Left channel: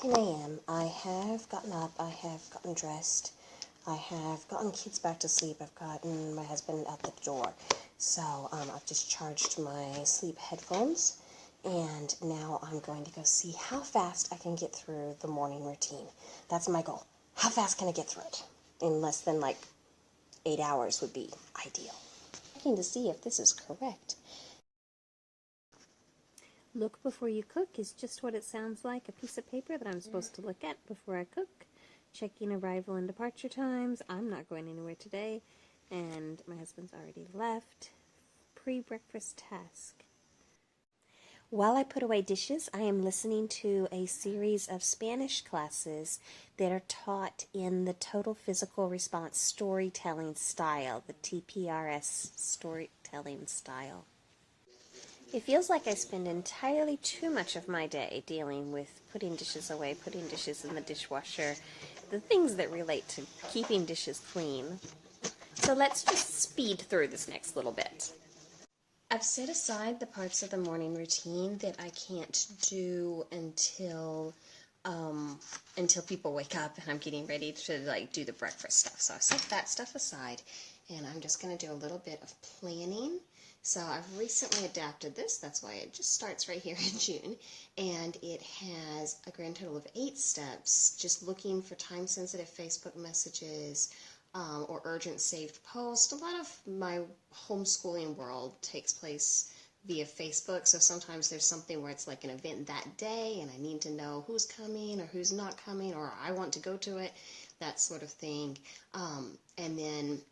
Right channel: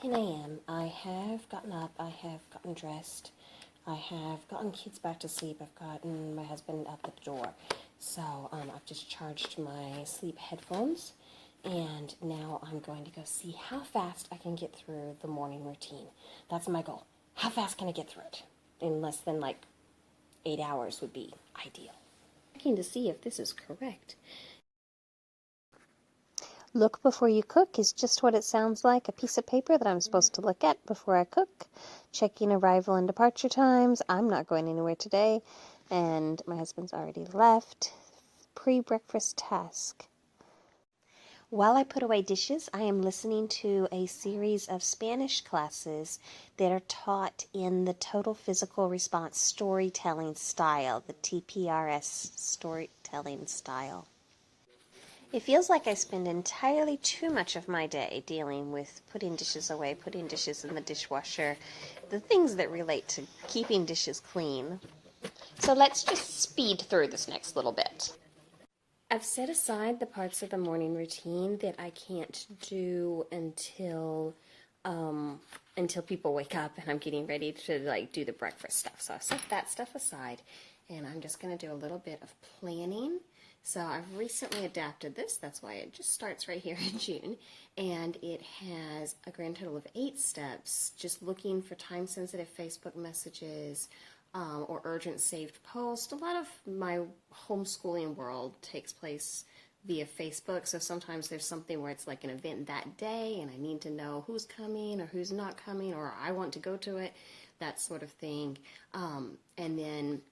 10 a.m. I have gotten up, I have gotten dressed, I have gotten kids back to sleep, I've gotten my husband at the door. So I've just charged my sleep headphones, and now I'm going to go see how fast I can get through the morning routine. That's my goal. How fast can I get through it? In less than like 8 hours would be ideal. Checking to see if this is correct. Look before you cook is just what it sounds like, a piece of paper that I'm supposed to look at before I cook. Checking arrival and departure times. I'm not going anywhere today, and my husband's already left. Pre-breakfast task. While I put away dishes, I am listening to a series of Spanish classes that are taught in the Total Physical Response Storytelling style, the TPRS storytelling style. It feels like I spend entirely too much of my day dealing with putting dishes away, putting dishes in the dishwasher, the things that relate to keeping dishes clean. So let's just speed through this next little bit. I've set aside the parts of the morning routine that I can't do until people wake up and I'm getting ready to do the breakfast stuff. So I've set that stuff aside, and I'm just going to do a little bit of planning. So I've recently adapted this, that's why it just starts right here in June, and it has a grand total of 8 steps, just looking for time-sensitive Facebook messages or urgent saved posts. A lot of my homeschooling world takes place via Facebook, so sometimes there's something where it's like an event that day and I need to know who's coming or who's not coming, or I want to go to it, that sort of thing. And then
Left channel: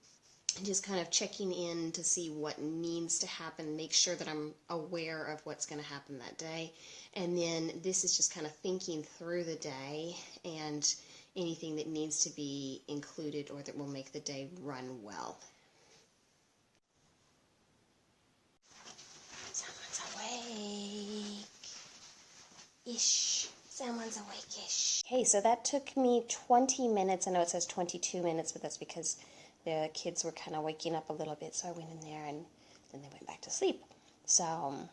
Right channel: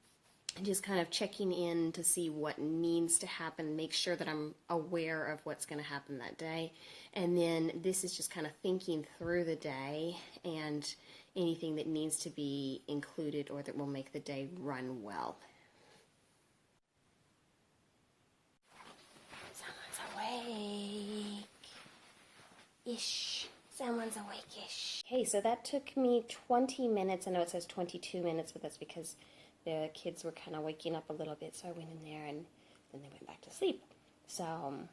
just kind of checking in to see what needs to happen, make sure that I'm aware of what's going to happen that day. And then this is just kind of thinking through the day and anything that needs to be included or that will make the day run well. Someone's awake-ish. Someone's awake-ish. Okay, so that took me 20 minutes. I know it says 22 minutes, but that's because the kids were kind of waking up a little bit, so I went in there and then they went back to sleep. So,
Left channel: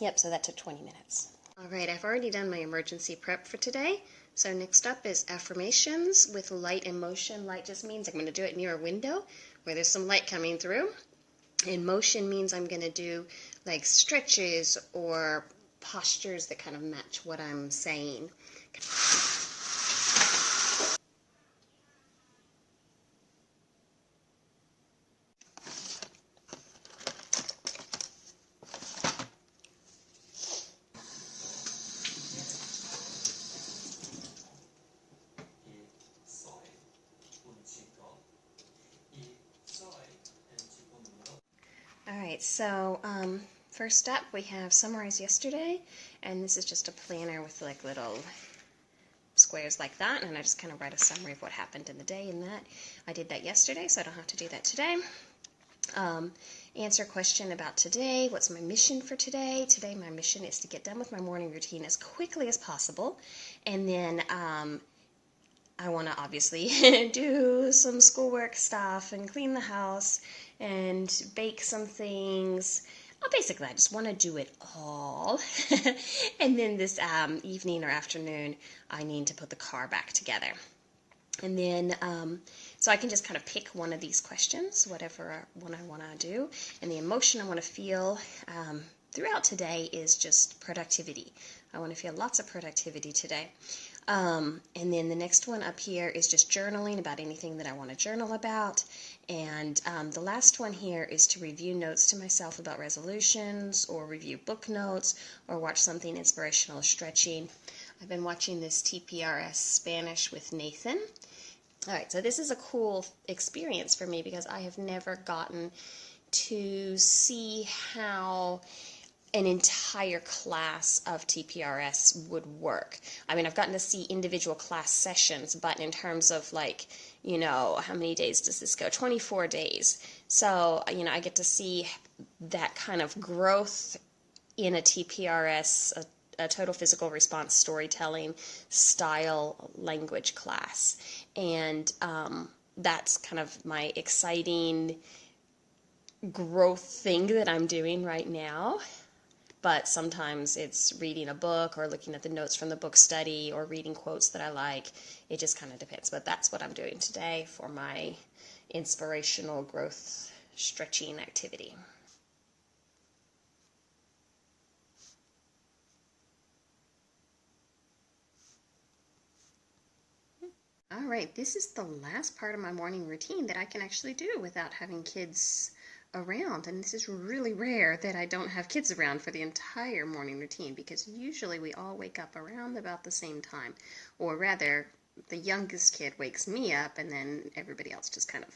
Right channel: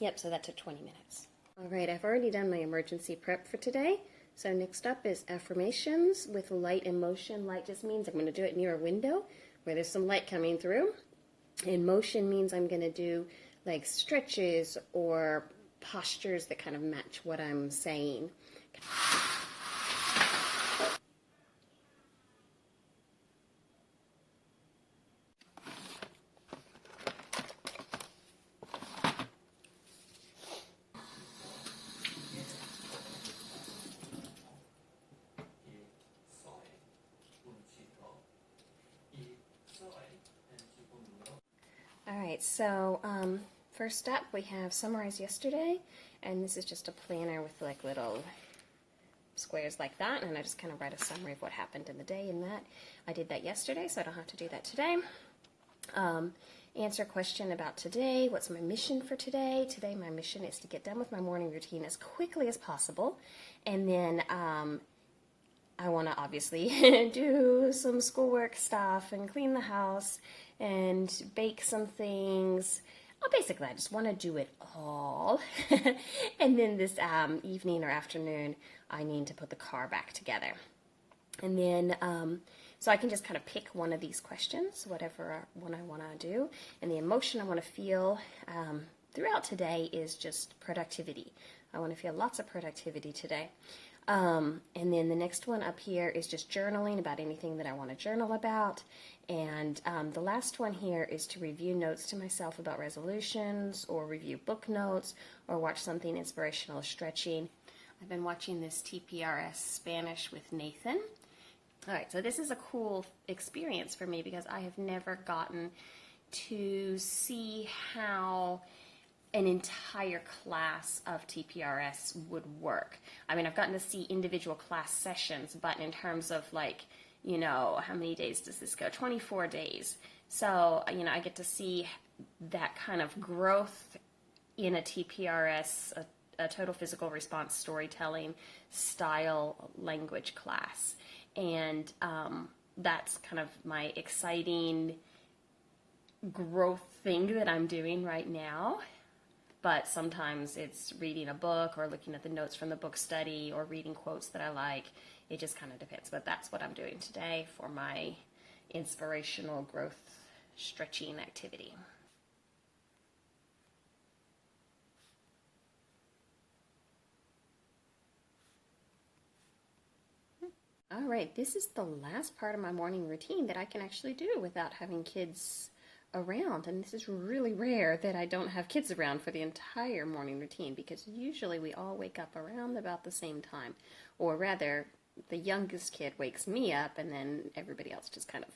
yep, so that took 20 minutes. All right, I've already done my emergency prep for today. So next up is affirmations with light and motion. Light just means I'm going to do it near a window where there's some light coming through. And motion means I'm going to do like stretches or postures that kind of match what I'm saying. Alright, so first up we have summarize yesterday, and this is just a planner with like little squares like that, and I just kind of write a summary of what happened in the day in that. I did that yesterday, so I don't have to do that today. Answer a question about today. What's my mission for today? Today my mission is to get done with my morning routine as quickly as possible, and then I want to obviously do some schoolwork stuff and clean the house and bake some things. Well, basically, I just want to do it all. And then this evening or afternoon, I need to put the car back together. And then, so I can just kind of pick one of these questions, whatever one I want to do. And the emotion I want to feel throughout today is just productivity. I want to feel lots of productivity today. And then the next one up here is just journaling about anything that I want to journal about. And the last one here is to review notes to myself about resolutions, or review book notes, or watch something inspirational, stretching. I've been watching this TPRS Spanish with Nathan. All right, so this is a cool experience for me because I have never gotten to see how an entire class of TPRS would work. I mean, I've gotten to see individual class sessions, but in terms of like, you know, how many days does this go? 24 days. So, you know, I get to see that kind of growth in a TPRS, a total physical response storytelling style language class. And that's kind of my exciting growth thing that I'm doing right now. but sometimes it's reading a book or looking at the notes from the book study or reading quotes that I like. It just kind of depends, but that's what I'm doing today for my inspirational growth stretching activity. All right, this is the last part of my morning routine that I can actually do without having kids around. And this is really rare that I don't have kids around for the entire morning routine, because usually we all wake up around about the same time. Or rather, the youngest kid wakes me up and then everybody else just kind of,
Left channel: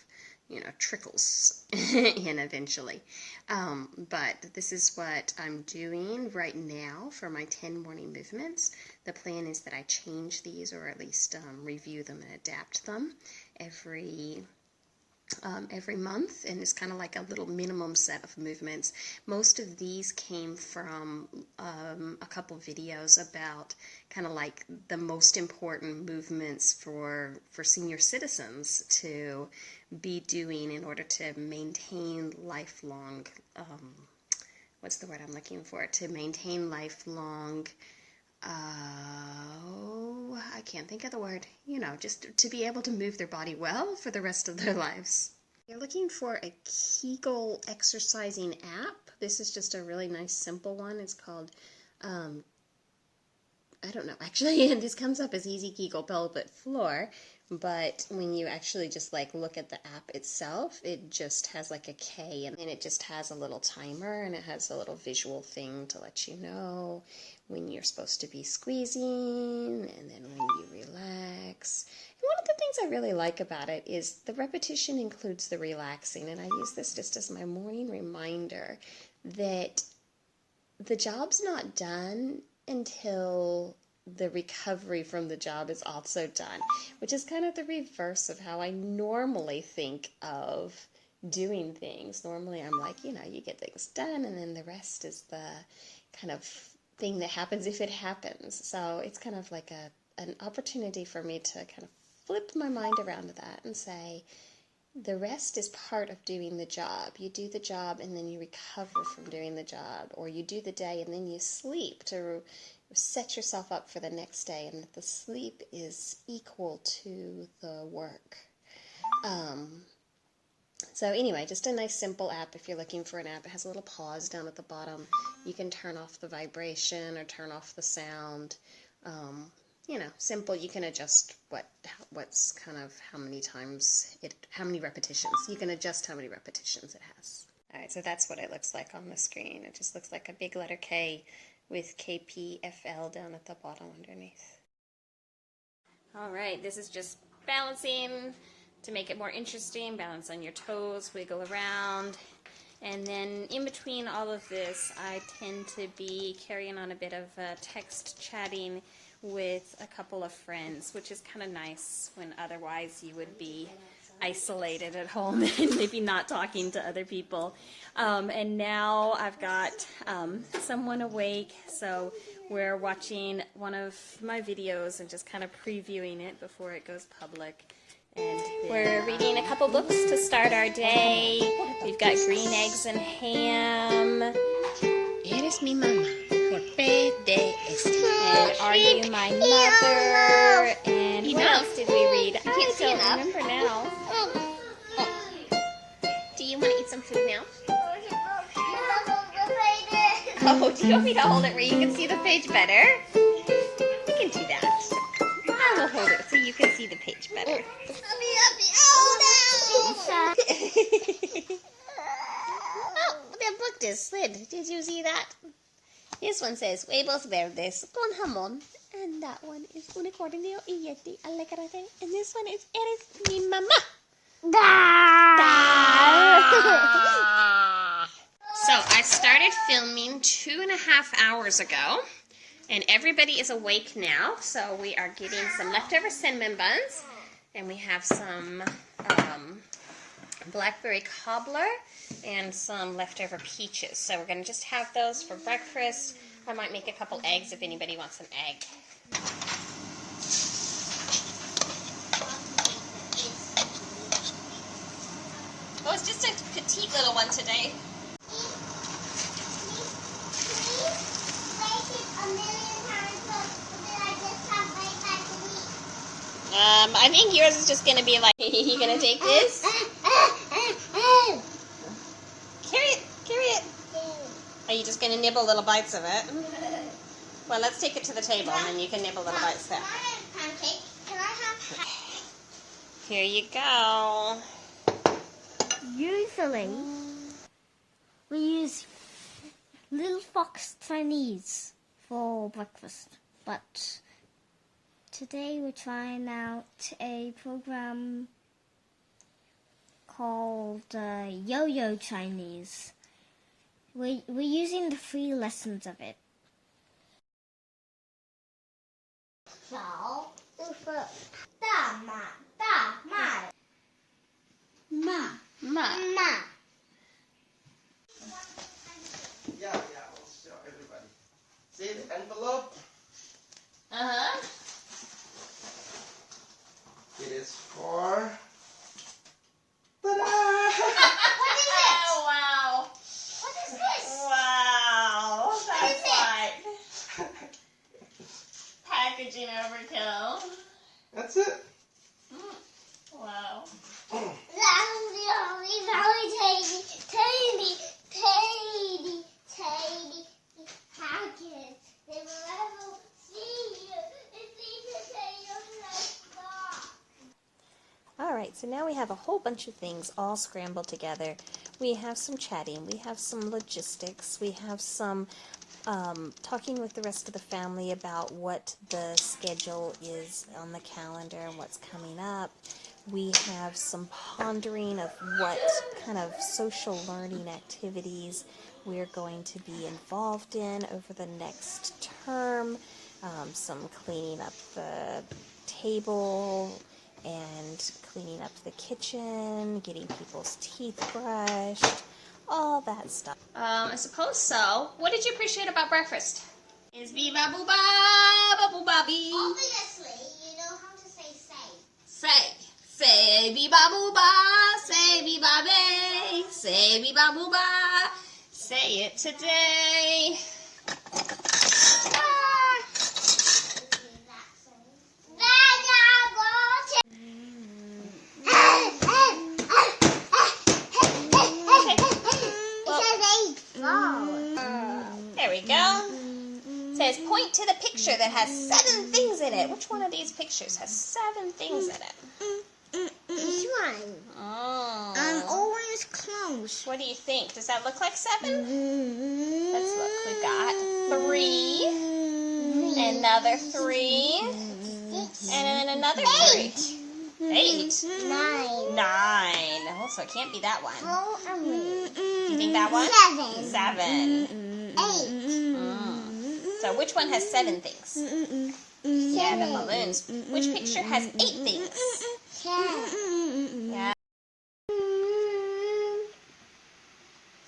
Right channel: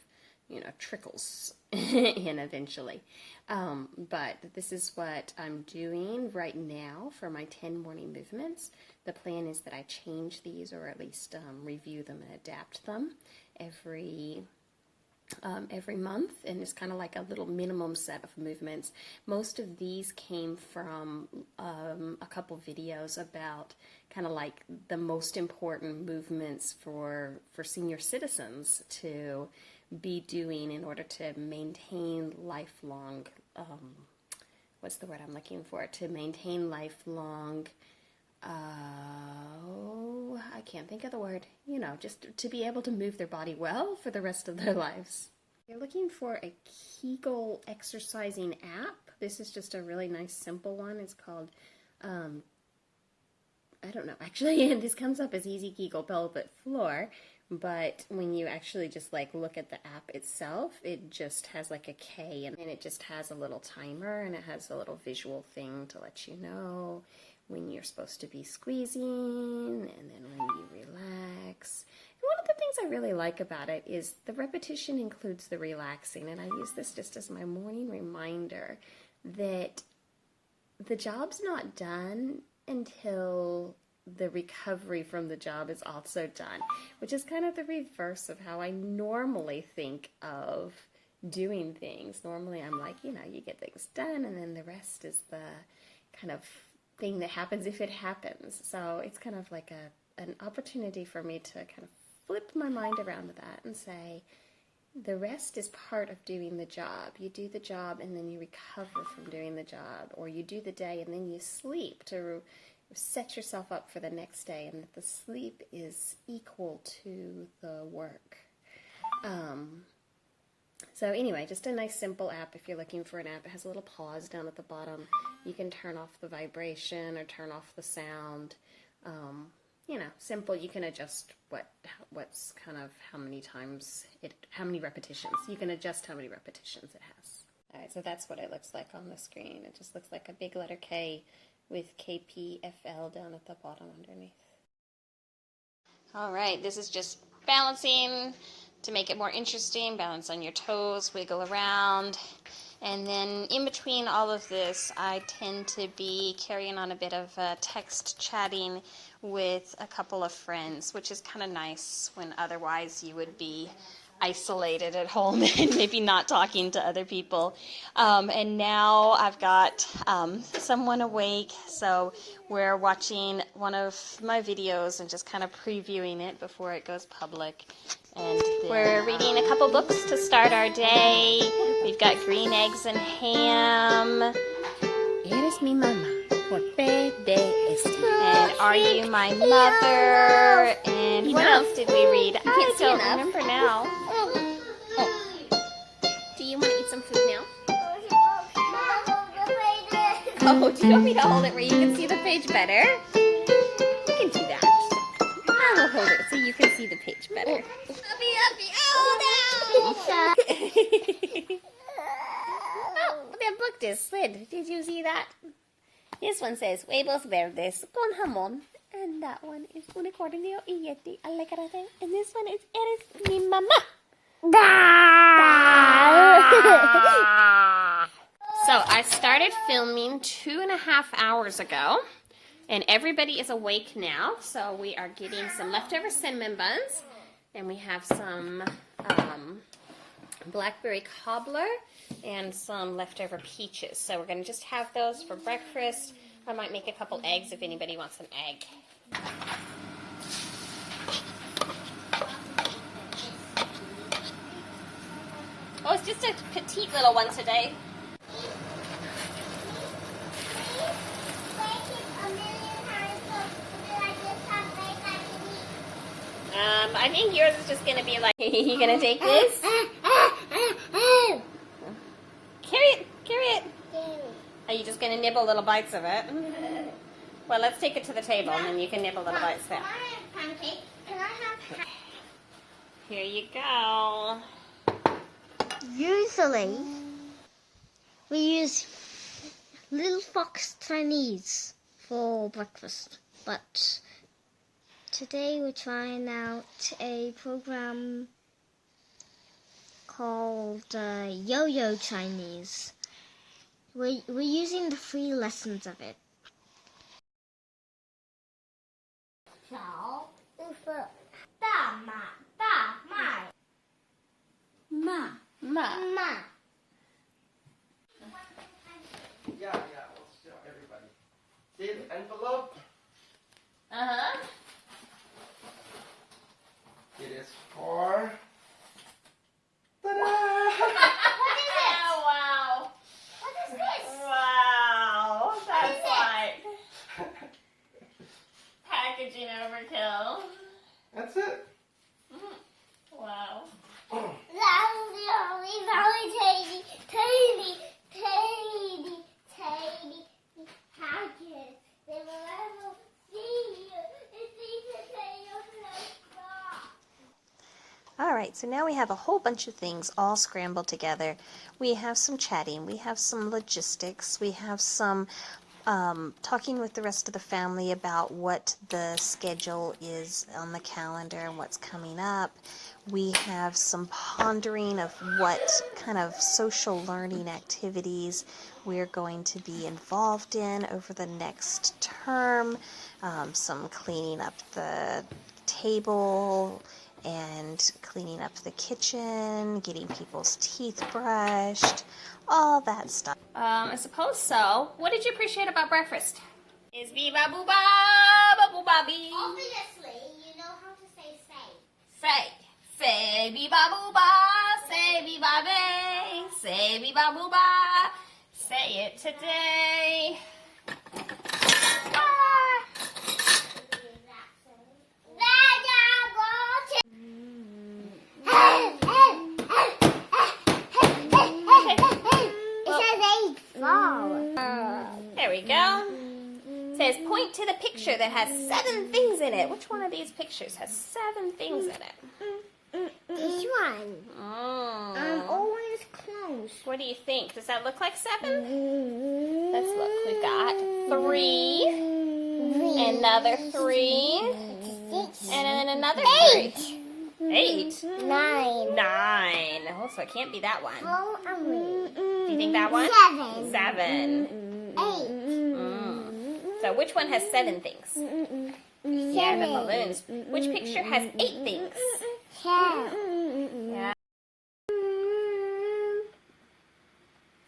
trickles in eventually. But this is what I'm doing right now for my 10 morning movements. The plan is that I change these, or at least review them and adapt them every month, and it's kind of like a little minimum set of movements. Most of these came from a couple videos about kind of like the most important movements for senior citizens to be doing in order to maintain lifelong, what's the word I'm looking for? To maintain lifelong, I can't think of the word, just to be able to move their body well for the rest of their lives. You're looking for a Kegel exercising app. This is just a really nice simple one. It's called, I don't know, actually, this comes up as Easy Kegel Pelvic Floor, but when you actually just look at the app itself, it just has like a K, and it just has a little timer, and it has a little visual thing to let you know when you're supposed to be squeezing, and then when you relax. And one of the things I really like about it is the repetition includes the relaxing, and I use this just as my morning reminder that the job's not done until the recovery from the job is also done, which is kind of the reverse of how I normally think of doing things. Normally I'm like, you get things done, and then the rest is the kind of thing that happens if it happens. So it's kind of like an opportunity for me to kind of flip my mind around to that and say, the rest is part of doing the job. You do the job and then you recover from doing the job, or you do the day and then you sleep to set yourself up for the next day, and that the sleep is equal to the work. So anyway, just a nice simple app. If you're looking for an app, it has a little pause down at the bottom. You can turn off the vibration or turn off the sound. Simple. You can adjust what's kind of how many repetitions. You can adjust how many repetitions it has. All right, so that's what it looks like on the screen. It just looks like a big letter K with KPFL down at the bottom underneath. All right, this is just balancing to make it more interesting. Balance on your toes, wiggle around. And then in between all of this, I tend to be carrying on a bit of text chatting with a couple of friends, which is kind of nice when otherwise you would be isolated at home and maybe not talking to other people. And now I've got someone awake, so we're watching one of my videos and just kind of previewing it before it goes public. And then, we're reading a couple books to start our day. We've got Green Eggs and Ham. Eres mi mamá. Por PDS. And Are You My Mother? And what else did we read? I don't remember now. Do you want to eat some food now? Oh, do you want me to hold it where you can see the page better? You can do that. I will hold it so you can see the page better. Oh, the book just slid. Did you see that? This one says, huevos verdes con jamón. And that one is unicornio y yeti alegrate. And this one is, eres mi mamá. So I started filming 2.5 hours ago. And everybody is awake now. So we are getting some leftover cinnamon buns. And we have some blackberry cobbler and some leftover peaches. So we're going to just have those for breakfast. I might make a couple eggs if anybody wants an egg. It's just a petite little one today. I think yours is just gonna be like, you gonna take this? Carry it. Are you just gonna nibble little bites of it? Well, let's take it to the table and then you can nibble little bites there. Can I have pancake? Can I have pancake? Here you go. Usually, we use Little Fox Chinese for breakfast, but today we're trying out a program called Yo-Yo Chinese. We're using the free lessons of it. Ma. Yeah, we'll show everybody. See the envelope? Uh-huh. It is for... Ta-da! What is it? Oh, wow. What is this? Wow. That's is like packaging overkill. That's it. Wow. Tiny packets. They will never see you. It's even All right, so now we have a whole bunch of things all scrambled together. We have some chatting, we have some logistics, we have some talking with the rest of the family about what the schedule is on the calendar and what's coming up. We have some pondering of what kind of social learning activities we're going to be involved in over the next term, some cleaning up the table and cleaning up the kitchen, getting people's teeth brushed, all that stuff. I suppose so. What did you appreciate about breakfast? Is viva booba, booba bee. Obviously, you know how to say say. Say viva booba, say viva be, say viva booba, say it today. There we go. It says point to the picture that has 7 things in it. Which one of these pictures has 7 things in it? This one. Oh. Always close. What do you think? Does that look like 7? Let's look. We've got 3, another 3, and then another 3. 8. 9. 9. Oh, so it can't be that one. Do you think that one? 7. 7. 8. So which one has 7 things? Yeah, the balloons. Which picture has 8 things? 10. Yeah.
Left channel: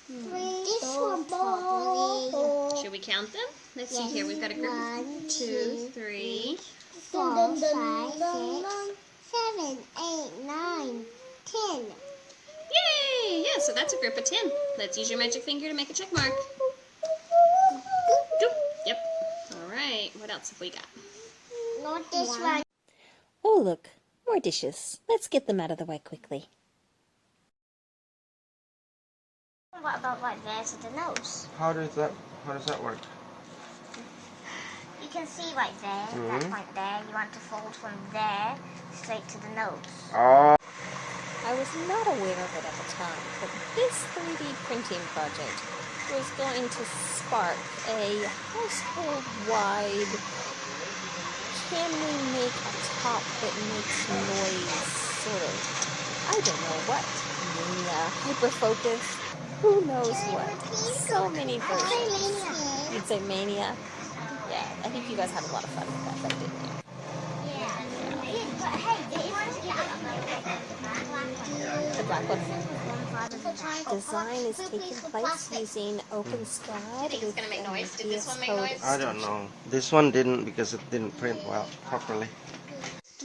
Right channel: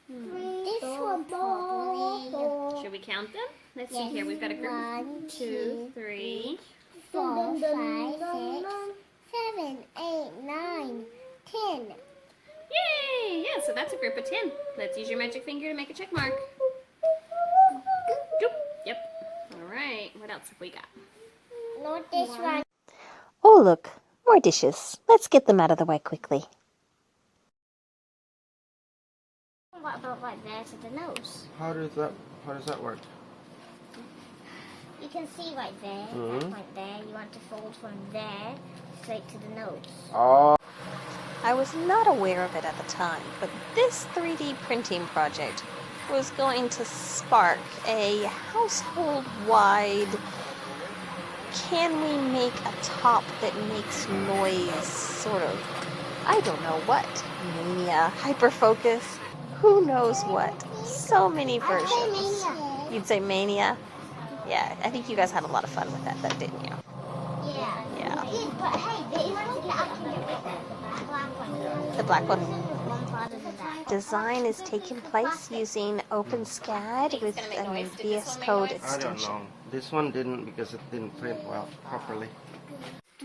This one probably. Should we count them? Let's see Yes. here. We've got a group. 1, 2, 3. 4, 5, 6, 7, 8, 9, 10. Yay! Yeah, so that's a group of 10. Let's use your magic finger to make a check mark. Doop. Yep. All right. What else have we got? Not this one. Oh, look, more dishes. Let's get them out of the way quickly. What about right there to the nose? How does that work? You can see right there, that point there. You want to fold from there straight to the nose. Oh. I was not aware of it at the time, but this 3D printing project was going to spark a household-wide, can we make a top that makes noise, sort of, I don't know what, mania, hyper-focus, who knows what. So many versions. You'd say mania? Yeah, I think you guys had a lot of fun with that, though, didn't you? Yeah. But hey, you want to get The black one. Design is taking place using OpenSCAD with gonna make a noise. Did this VS one make Code noise? I don't know. This one didn't because it didn't print well properly.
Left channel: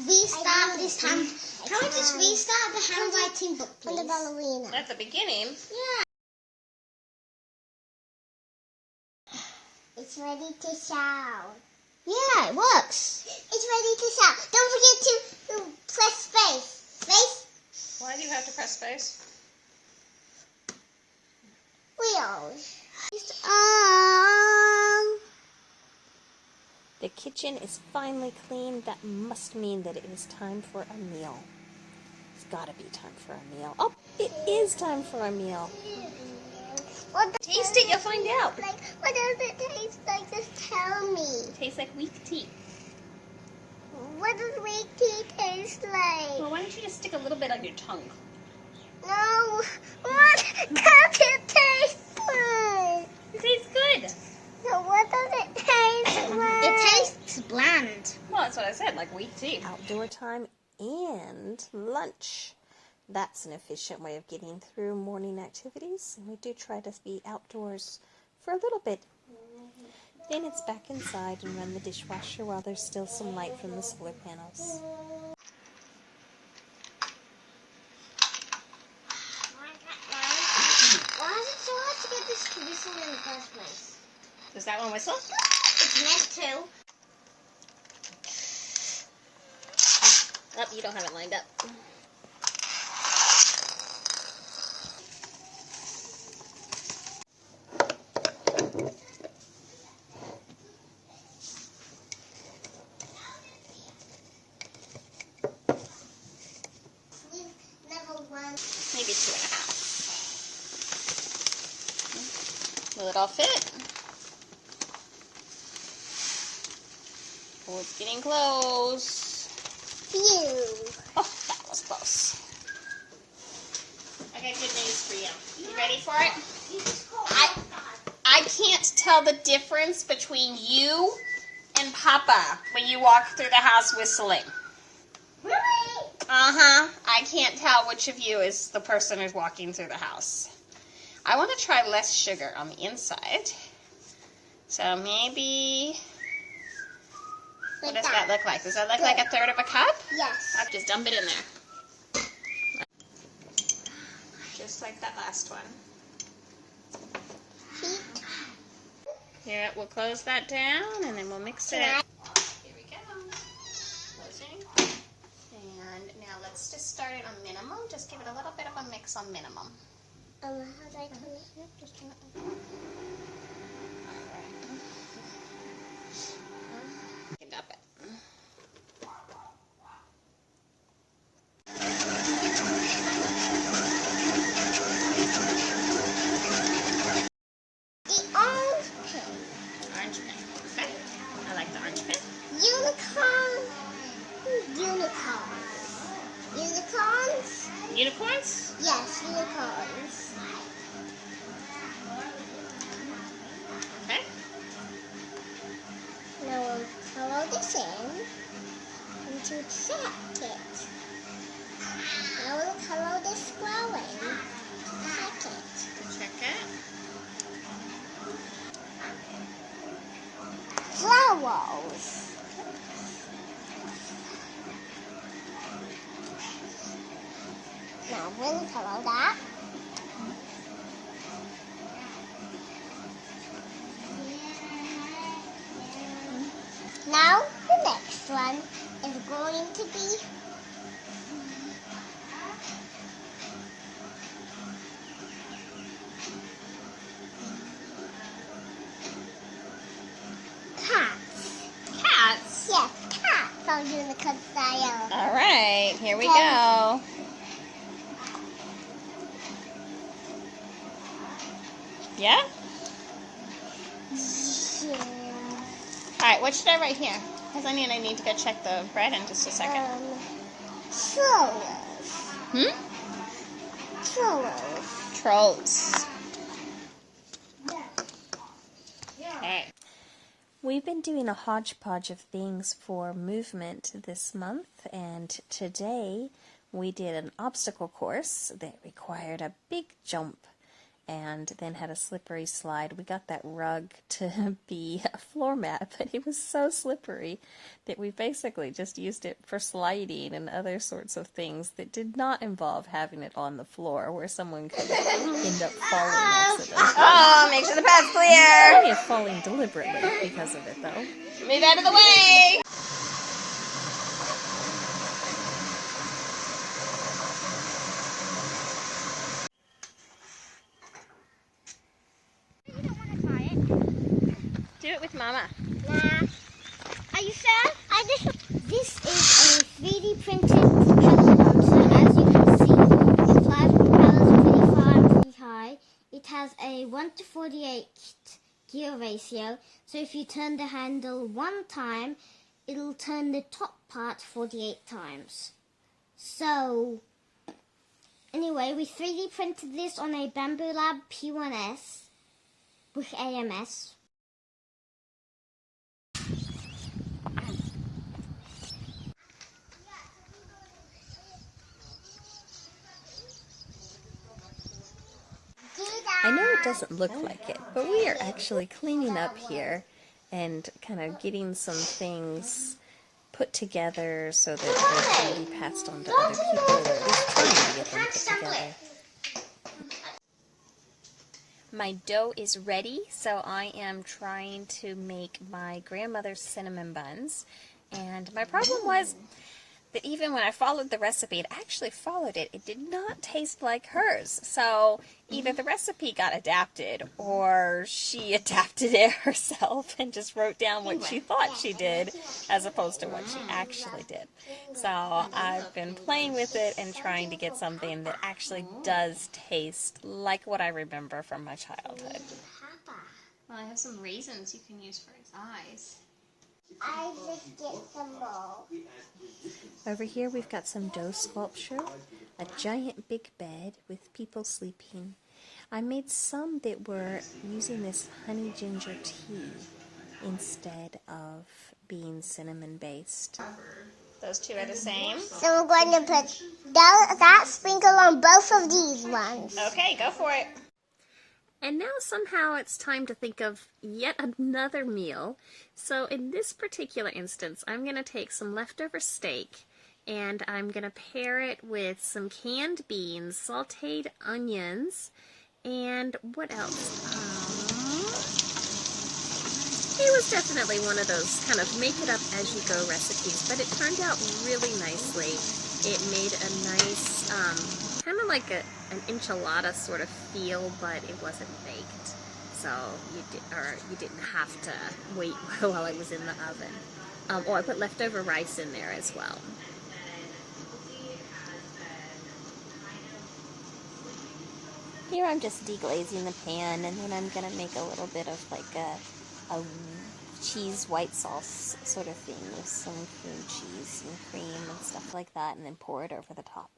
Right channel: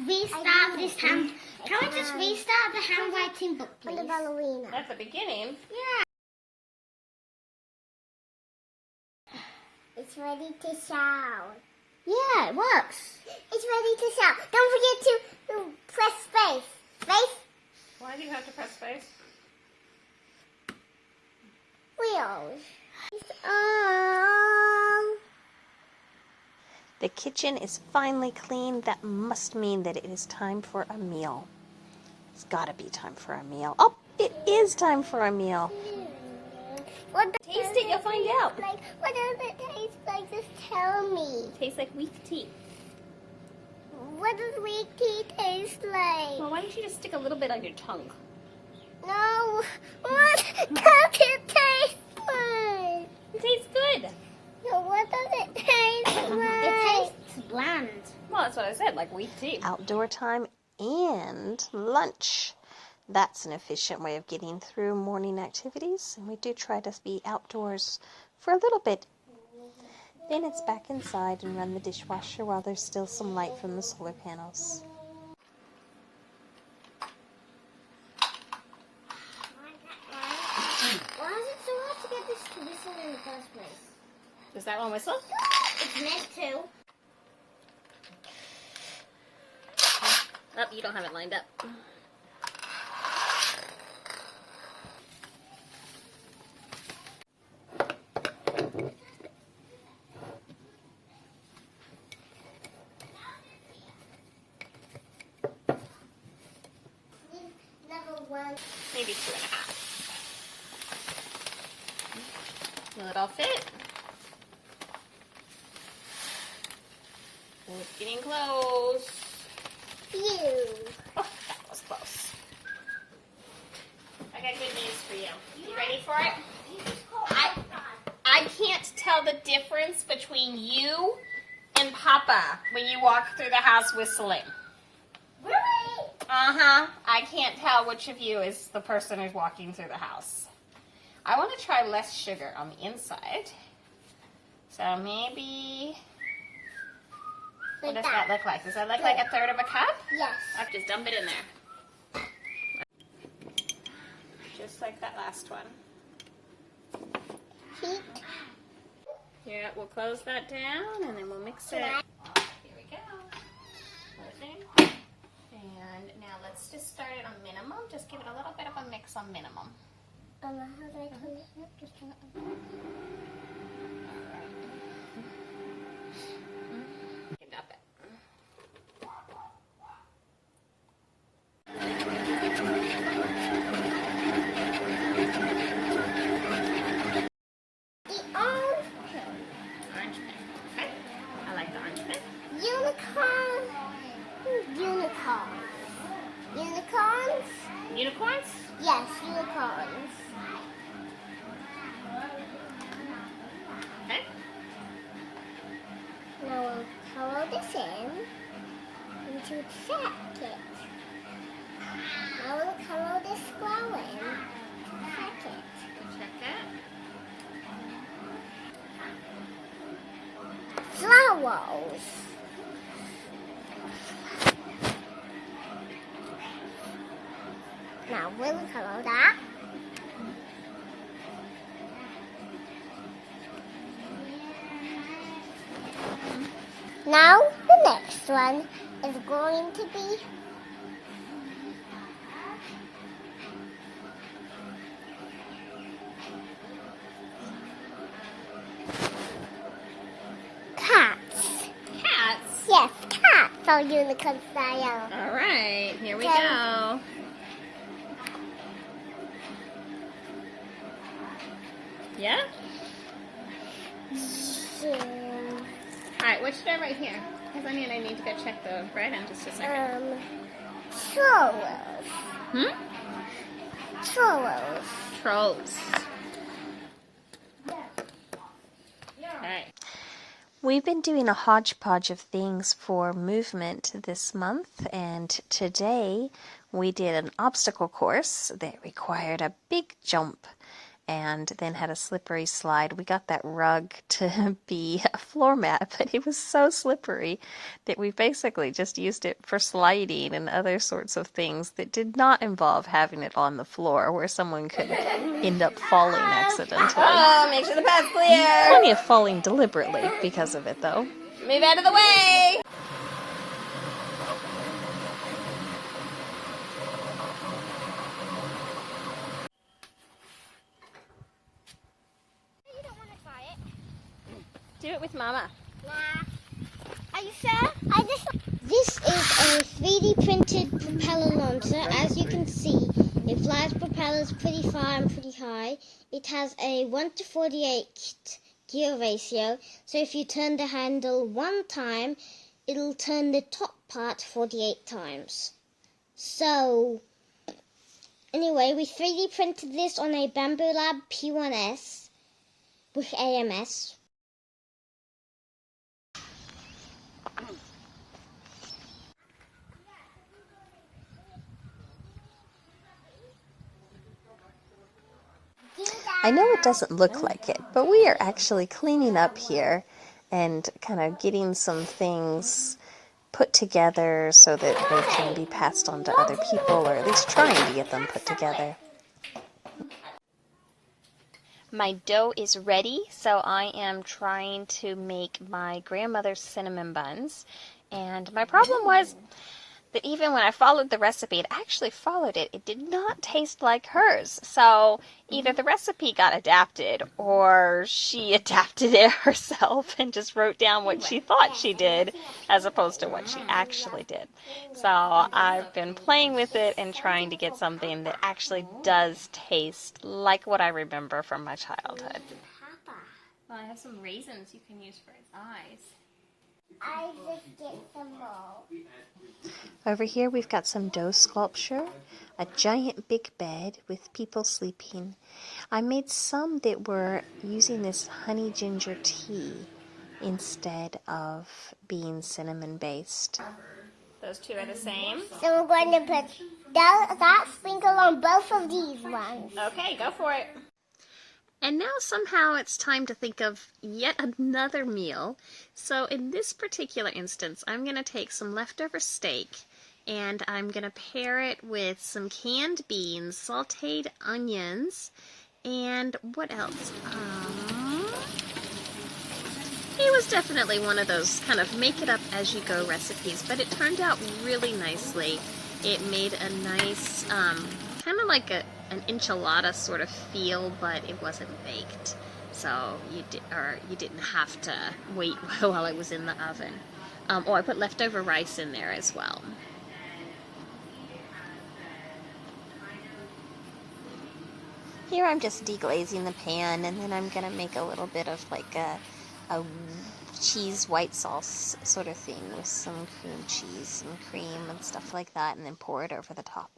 restart this hand. Can we just restart the handwriting book, please? The ballerina. At the beginning. Yeah. It's ready to shout. Yeah, it works. It's ready to start. Don't forget to press space. Space. Why do you have to press space? Wheels. Oh. The kitchen is finally clean. That must mean that it is time for a meal. It's gotta be time for a meal. Oh, it is time for a meal. Taste it, you'll find out. What does it taste like? Just tell me. Tastes like weak tea. What does weak tea taste like? Well, why don't you just stick a little bit on your tongue? No. What does it taste like? It tastes good. So what does it taste like? It tastes bland. Well, that's what I said, like weak tea. Outdoor time and lunch. That's an efficient way of getting through morning activities, and we do try to be outdoors for a little bit. Then it's back inside and run the dishwasher while there's still some light from the solar panels. Why is it so hard to get this to whistle in the first place? Does that one whistle? It's meant to. Oh, you don't have it lined up. Maybe 2.5. Will it all fit? Oh, it's getting close. Phew. Oh, that was close. I got good news for you. You ready for it? I can't tell the difference between you and Papa when you walk through the house whistling. Really? Uh-huh. I can't tell which of you is the person who's walking through the house. I want to try less sugar on the inside. So maybe... What does that look like? Does that look like 1/3 of a cup? Yes. I'll just dump it in there. Just like that last one. Feet. Here, we'll close that down and then we'll mix it. Here we go. Closing. And now let's just start it on minimum. Just give it a little bit of a mix on minimum. How do I turn it? Yep, just turn it. You can dump it. The orange pin. Orange pen. Okay. I like the orange pen. Unicorn. Unicorns. Unicorns? Unicorns? Yes, unicorns. Okay. Now we'll color this in into the jacket. Now we'll color this square in to the jacket. Check it. Flowers. Now we'll color that. Now the next one is going to be cats. Cats. Yes, cats on unicorn style. All right. Here we go. Yeah? All right, what should I write here? Because I need to go check the bread in just a second. Trolls. Trolls. Trolls. All right. We've been doing a hodgepodge of things for movement this month, and today we did an obstacle course that required a big jump and then had a slippery slide. We got that rug to be a floor mat, but it was so slippery that we basically just used it for sliding and other sorts of things that did not involve having it on the floor where someone could end up falling accidentally. Oh, make sure the pad's clear. Plenty of falling deliberately because of it, though. Move out of the way! You don't want to try it? Do it with Mama. Nah. Are you sure? This is a 3D printed propeller launcher. As you can see, it flies propellers pretty far and pretty high. It has a 1:48 gear ratio, so if you turn the handle one time, it'll turn the top part 48 times. So, anyway, we 3D printed this on a Bamboo Lab P1S with AMS. I know it doesn't look like it, but we are actually cleaning up here and kind of getting some things put together so that they can be passed on to other people, or at least trying to get them put together. My dough is ready, so I am trying to make my grandmother's cinnamon buns. And my problem was that even when I followed the recipe, it actually followed it. It did not taste like hers. So either the recipe got adapted or she adapted it herself and just wrote down what she thought she did as opposed to what she actually did. So I've been playing with it and trying to get something that actually does taste like what I remember from my childhood. Well, I have some raisins you can use for its eyes. I just get some more. Over here we've got some dough sculpture, a giant big bed with people sleeping. I made some that were using this honey ginger tea instead of being cinnamon based. Those two are the same. So we're going to put that sprinkle on both of these ones. Okay, go for it. And now somehow it's time to think of yet another meal. So in this particular instance, I'm going to take some leftover steak and I'm going to pair it with some canned beans, sauteed onions, and what else? It was definitely one of those kind of make it up as you go recipes, but it turned out really nicely. It made a nice, kind of like an enchilada sort of feel, but it wasn't baked. So you didn't have to wait while it was in the oven. Or I put leftover rice in there as well. Here I'm just deglazing the pan, and then I'm going to make a little bit of like a cheese white sauce sort of thing with some cream cheese and cream and stuff like that, and then pour it over the top.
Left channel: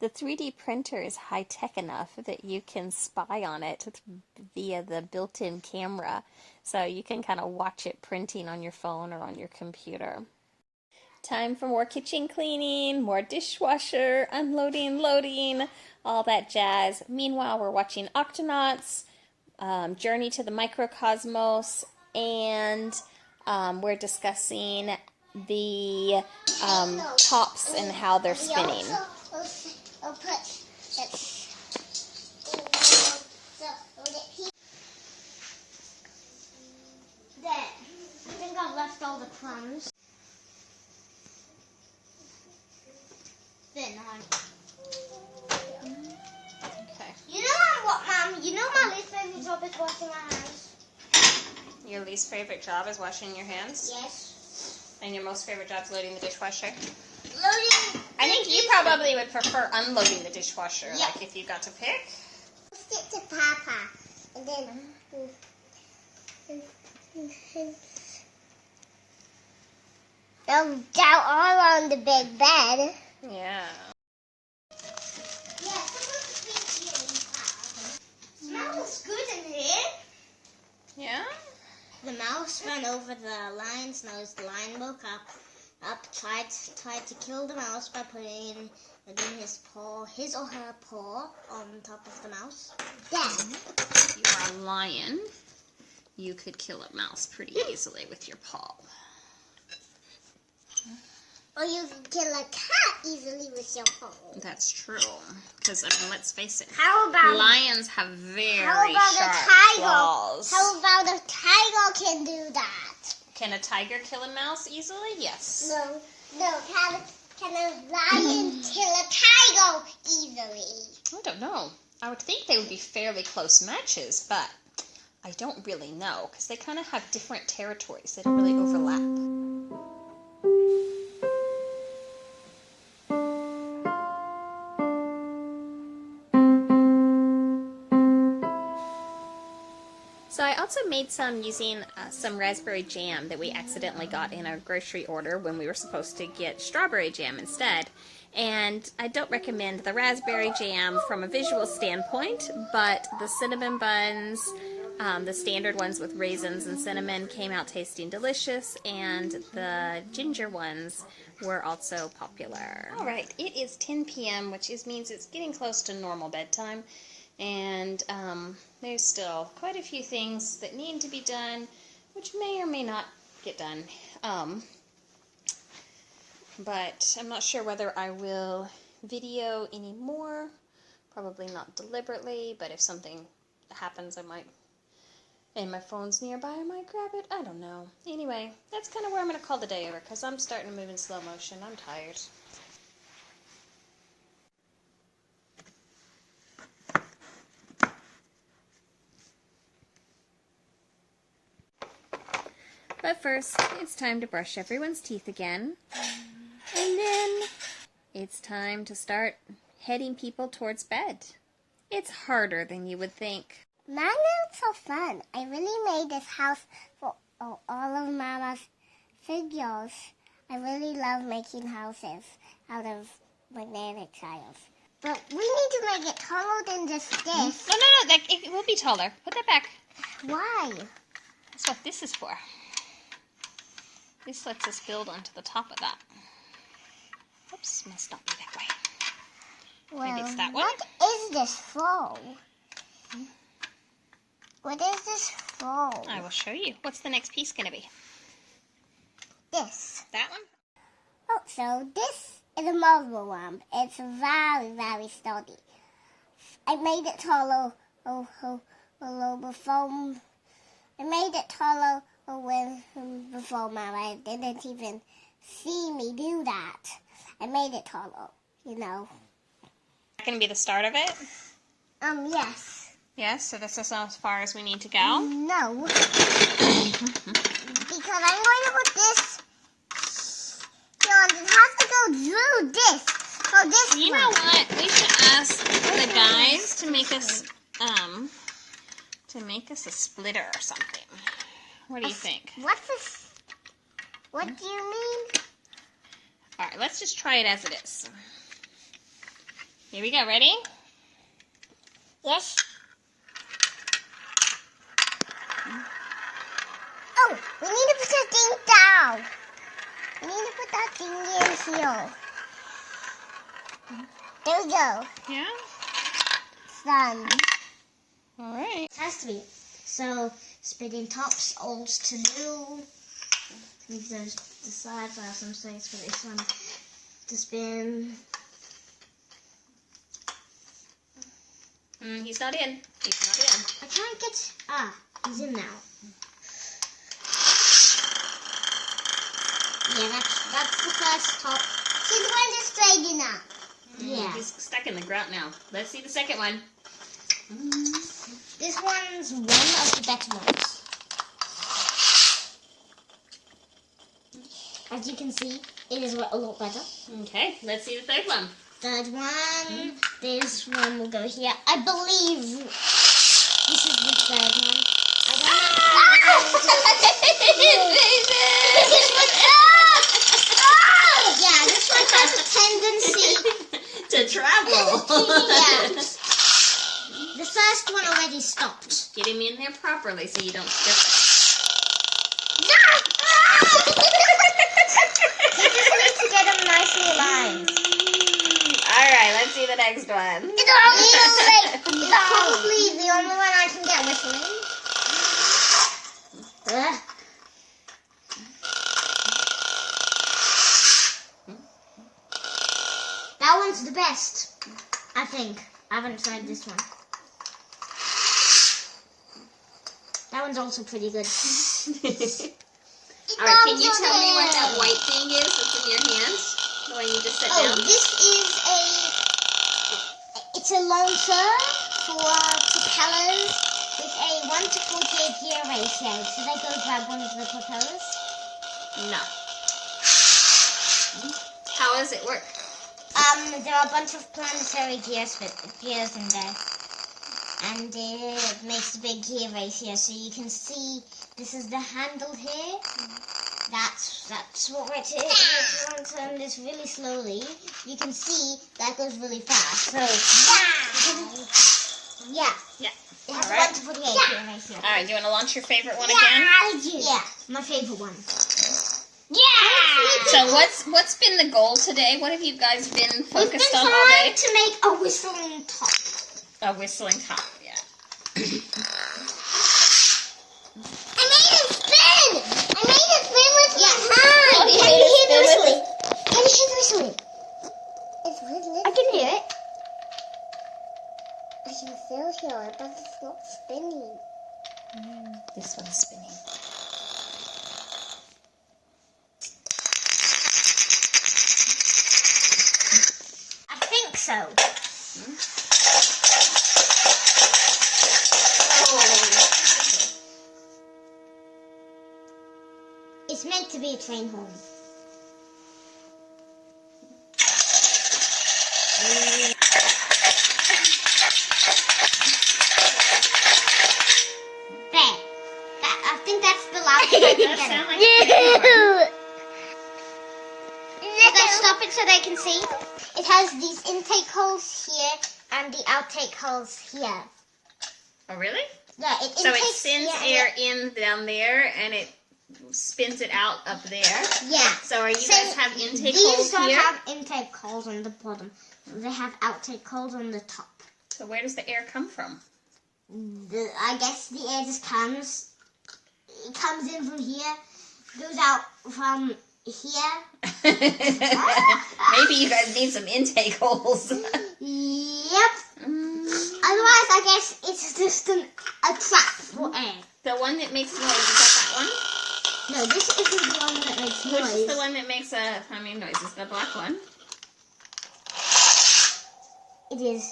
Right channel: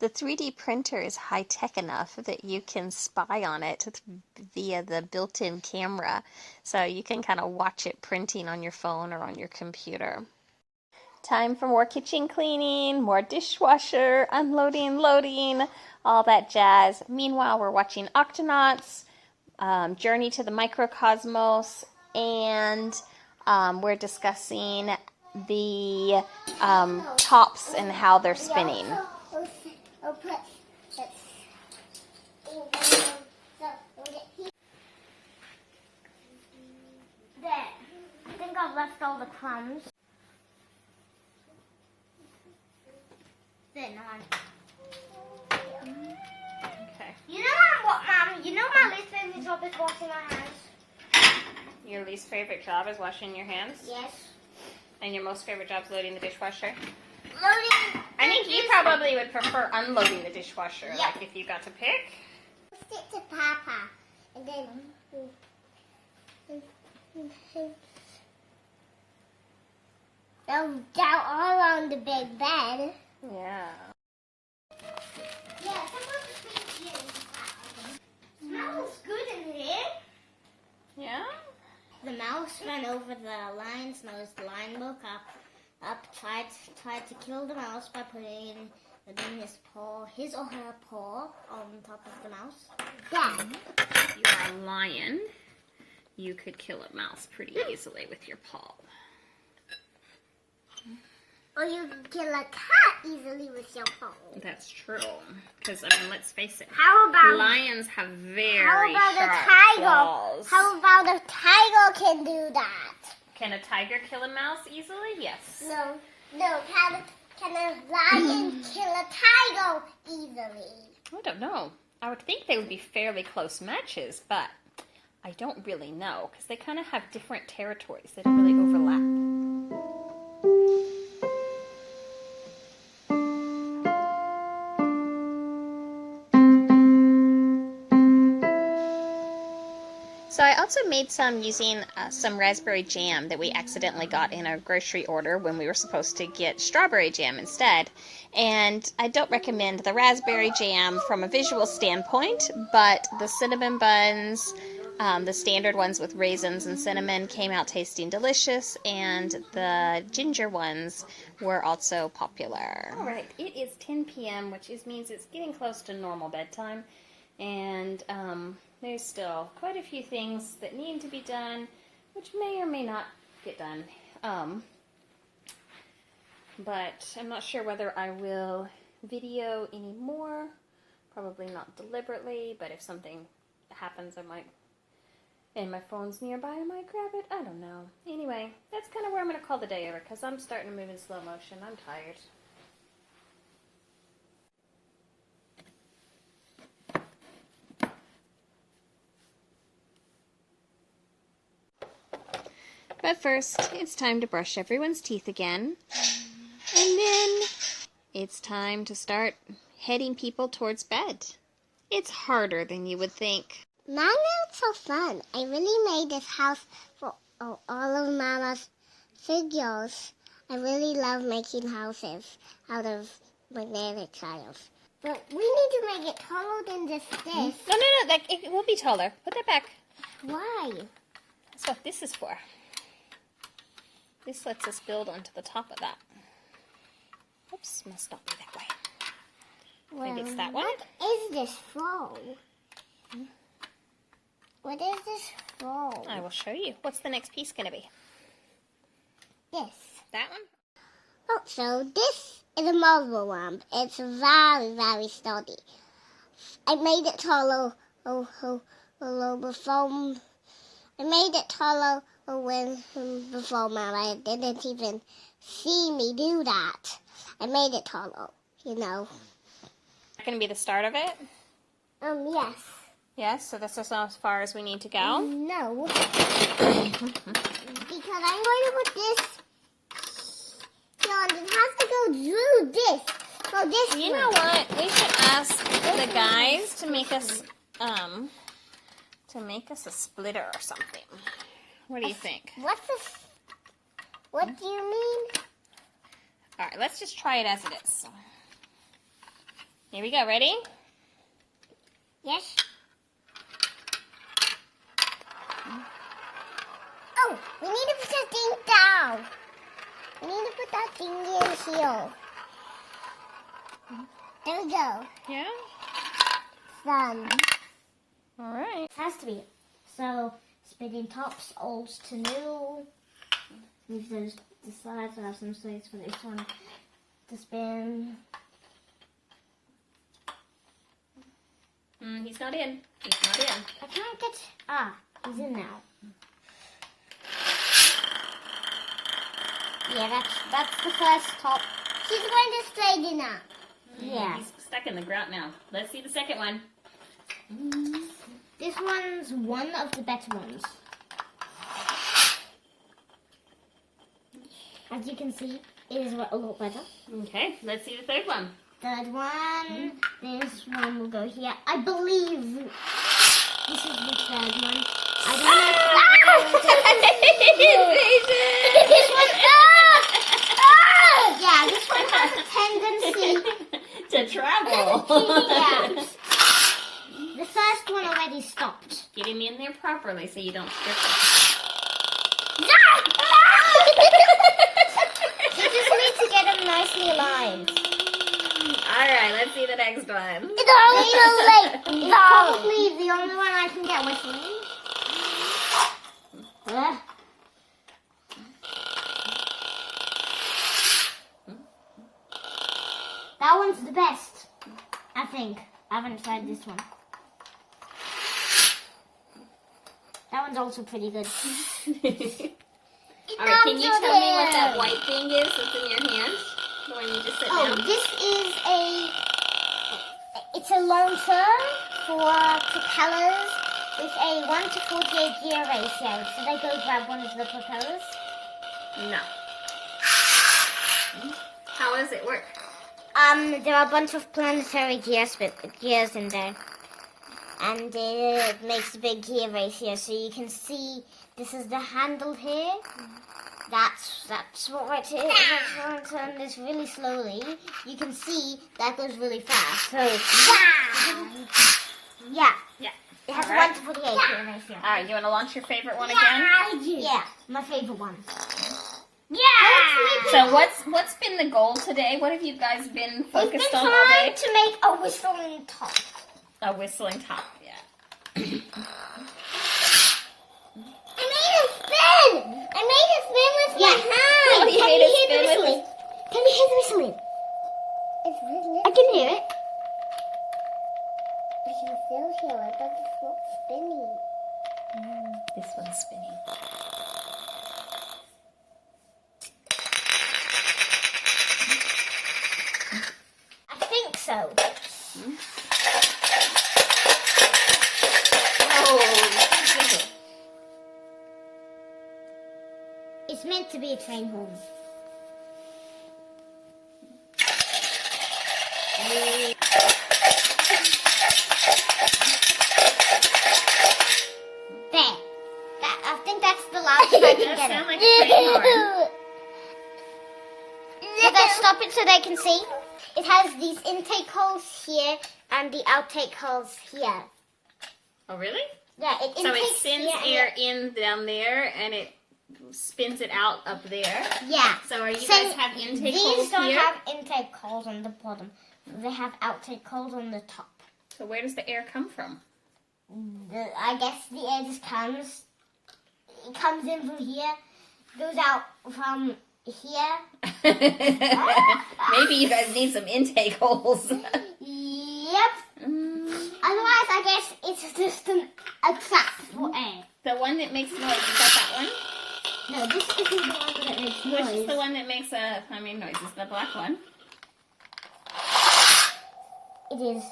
The 3D printer is high-tech enough that you can spy on it via the built-in camera, so you can kind of watch it printing on your phone or on your computer. Time for more kitchen cleaning, more dishwasher, unloading, loading, all that jazz. Meanwhile, we're watching Octonauts, Journey to the Microcosmos, and we're discussing the tops and how they're spinning. There. I think I've left all the crumbs. There, now. Okay. You know what, Mom? You know my least favorite job is washing my hands? Your least favorite job is washing your hands? Yes. And your most favorite job is loading the dishwasher? Loading. I think you probably would prefer unloading the dishwasher, Yeah. like if you got to pick. Stick to Papa. And then... Down all on the big bed. Yeah. Yeah, smells good in here. Yeah? The mouse ran over the lion's nose. The lion woke up, tried to kill the mouse by putting his or her paw on top of the mouse. Then You're a lion. You could kill a mouse pretty easily with your paw. Or you can kill a cat easily with your phone. That's true. Because, I mean, let's face it. How about Lions have very a sharp tiger? claws. How about a tiger can do that? Can a tiger kill a mouse easily? Yes. No. Can a lion kill a tiger easily? I don't know. I would think they would be fairly close matches, but I don't really know because they kind of have different territories. They don't really overlap. So I also made some using some raspberry jam that we accidentally got in a grocery order when we were supposed to get strawberry jam instead. And I don't recommend the raspberry jam from a visual standpoint, but the cinnamon buns, the standard ones with raisins and cinnamon, came out tasting delicious, and the ginger ones were also popular. All right, it is 10 p.m., which means it's getting close to normal bedtime, and there's still quite a few things that need to be done, which may or may not get done. But I'm not sure whether I will video anymore. Probably not deliberately, but if something happens, I might, and my phone's nearby, I might grab it. I don't know. Anyway, that's kind of where I'm going to call the day over, because I'm starting to move in slow motion. I'm tired. But first, it's time to brush everyone's teeth again. And then it's time to start heading people towards bed. It's harder than you would think. Mine is so fun. I really made this house for all of Mama's figures. I really love making houses out of magnetic tiles. But we need to make it taller than just this. No, it will be taller. Put that back. Why? That's what this is for. This lets us build onto the top of that. Oops, must not be that way. Well, maybe it's that one? What is this for? What is this for? I will show you. What's the next piece going to be? This. That one? Oh, so this is a marble lamp. It's very, very sturdy. I made it taller before. I made it taller before Mama didn't even see me do that. I made it taller, you know. That going to be the start of it? Yes. Yes, so this is as far as we need to go? No. Because I'm going to put this here, and it has to go through this. So this You way. know what? We should ask the guys to make us a splitter or something. What do you think? What's this? What do you mean? All right, let's just try it as it is. Here we go. Ready? Yes. Oh, we need to put that thing down. We need to put that thing in here. There we go. Yeah? It's done. All right. It has to be. So, spinning tops, old to new. Leave those the sides. I have some space for this one to spin. He's not in. He's not in. I can't get. He's in now. Yeah, that's the first top. She's going to straighten up. Yeah. He's stuck in the ground now. Let's see the second one. This one's one of the better ones. As you can see, it is a lot better. Okay, let's see the third one. Third one, this one will go here. I believe this is the third one. I don't know. Yeah, this one has a tendency to travel. Yeah. The first one already stopped. Get him in there properly so you don't strip You just need to get them nicely aligned. All right, let's see the next one. It's probably the only one I can get whistling. think. I haven't tried this one. That one's also pretty good. Alright, can you tell me what that white thing is that's in your hand? The one you just set down? This is it's a launcher for propellers with a 1 to 48 gear ratio. Should I go grab one of the propellers? No. How does it work? There are a bunch of planetary gears in there. And it makes a big gear ratio, so you can see this is the handle here. That's what right here. If you turn this really slowly, you can see that goes really fast. So yeah. It has a 1 to 48 gear ratio. Alright, do you want to launch your favorite one again? Yeah, my favorite one. So what's been the goal today? What have you guys been focused on all day? To make a whistling top. A whistling top, yeah. I made it spin with my hand. Oh, you Can made you it hear the spin with whistling? Can you hear the whistling? It's really. I can hear it. I can still hear it, but it's not spinning. This one's spinning. I think so. It's meant to be a train horn. There. I think that's the loudest I can get Sound it. like a train horn. Let's stop it so they can see. It has these intake holes here and the outtake holes here. Oh, really? Yeah, it So it intakes sends here, air in down there and it spins it out up there. Yeah. So are you guys have intake These holes don't here? have intake holes on the bottom. They have outtake holes on the top. So where does the air come from? I guess the air just comes. It comes in from here, goes out from here. Maybe you guys need some intake holes. Yep. Otherwise, I guess it's just a trap for air. The one that makes noise, is that one? No, this isn't the one that makes noise. Which is the one that makes a humming noise? Is the black one? It is.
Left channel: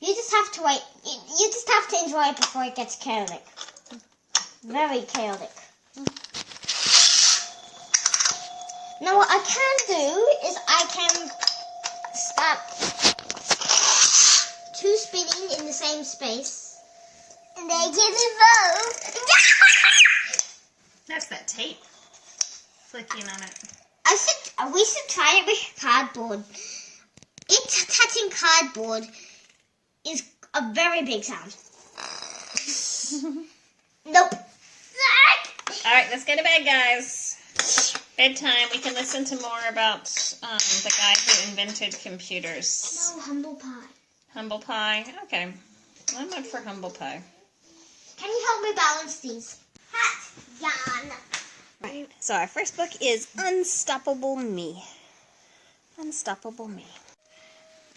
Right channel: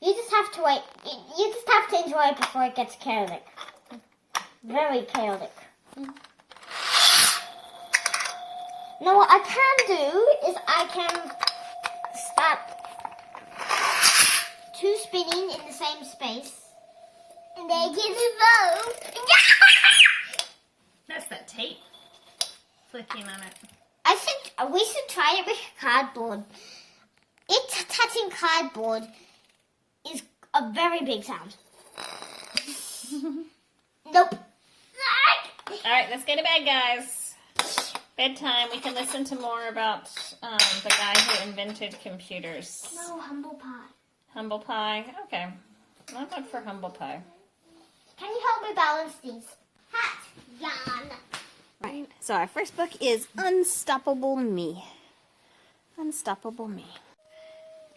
You just have to wait. You just have to enjoy it before it gets chaotic. Very chaotic. Now what I can do is I can start two spinning in the same space. And they get involved. That's that tape flicking on it. We should try it with cardboard. It touching cardboard is a very big sound. Nope. Alright, let's go to bed, guys. Bedtime. We can listen to more about the guy who invented computers. No, humble pie. Humble pie. Okay. I'm up for humble pie. Can you help me balance these? Hat, Jan. Right. So our first book is Unstoppable Me. Unstoppable Me.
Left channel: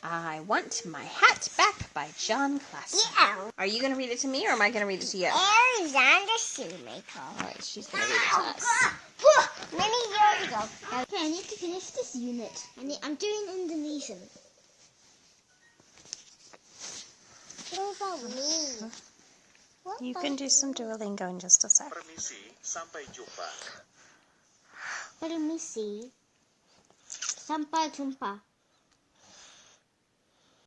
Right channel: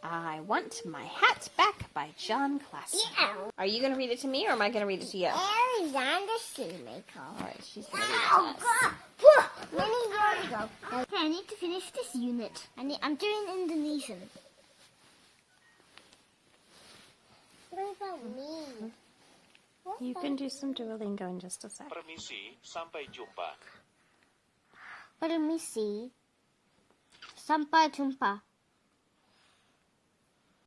I Want My Hat Back by John Classen. Yeah. Are you going to read it to me or am I going to read it to you? Alexander Shoemaker. Alright, she's going to read it to us. Many years ago. Okay, I need to finish this unit. I'm doing Indonesian. What about me? You can do some Duolingo in just a sec. Permisi, sampai jumpa. Permisi. Sampai jumpa.